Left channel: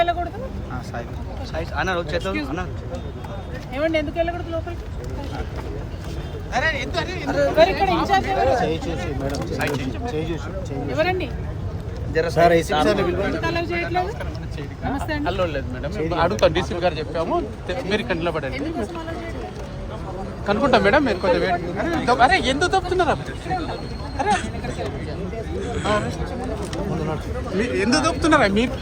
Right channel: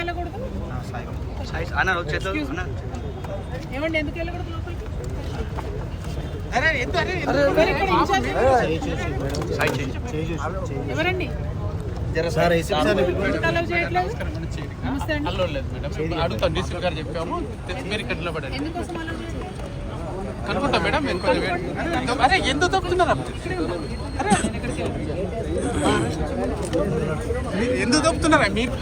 వెళ్ళకూడదు ఏమండి, ఎందుకు వెళ్ళకూడదు లోపలికి? ఎవరండి ఎందుకు అలౌ చేయట్లేదు? నమస్తే అండి. ఎందుకోసం అలౌ చేయట్లేదు కనుకుంటా మేడం. మీరు అరే ఎందుకు తప్పుతున్నారా? ఎందుకు తప్పుతున్నారా మీరు?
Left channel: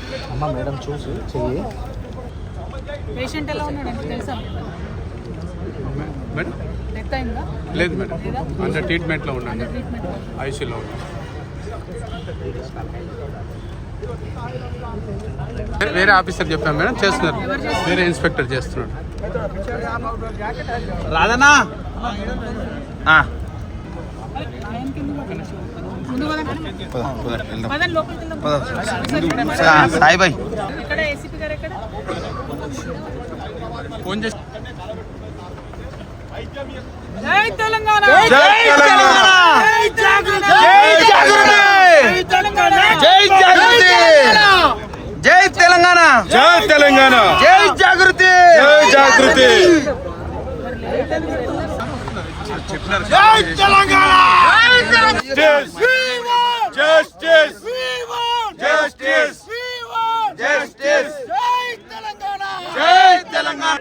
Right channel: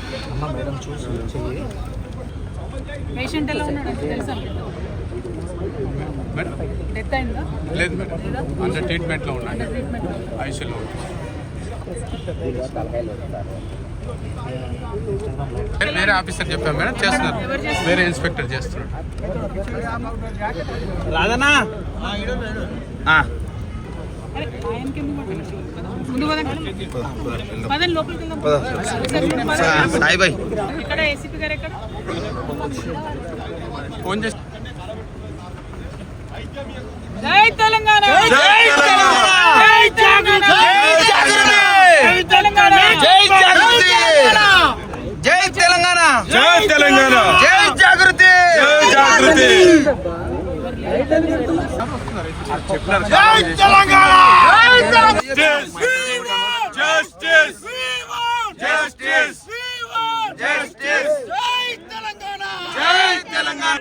పేషెంట్ ఎలా ఉన్నాడు తెలుసా? డెత్ అయిందా? లేదు మేడం, అండర్ ట్రీట్మెంట్లో ఉన్నాడు, ఐసీయూలో ఉన్నాడు. వేరే ఆఫీసర్ చెప్పాను మేడం, చేస్తున్నారు. వేరే ఇన్స్పెక్టర్ చేస్తున్నాడు. రాదనా ఇక్కడ ఏసీపీ గారు ఎక్కడ? ఫోన్ చేసి జై తెలంగాణ, జై జాగృతి, జై తెలంగాణ, జై జాగృతి, జై తెలంగాణ, జై తెలంగాణ, జై జాగృతి, జై జాగృతి, చెప్పినారు. జై తెలంగాణ, జస్టిస్, జస్టిస్, జస్టిస్, జై తెలంగాణ, జై తెలంగాణ.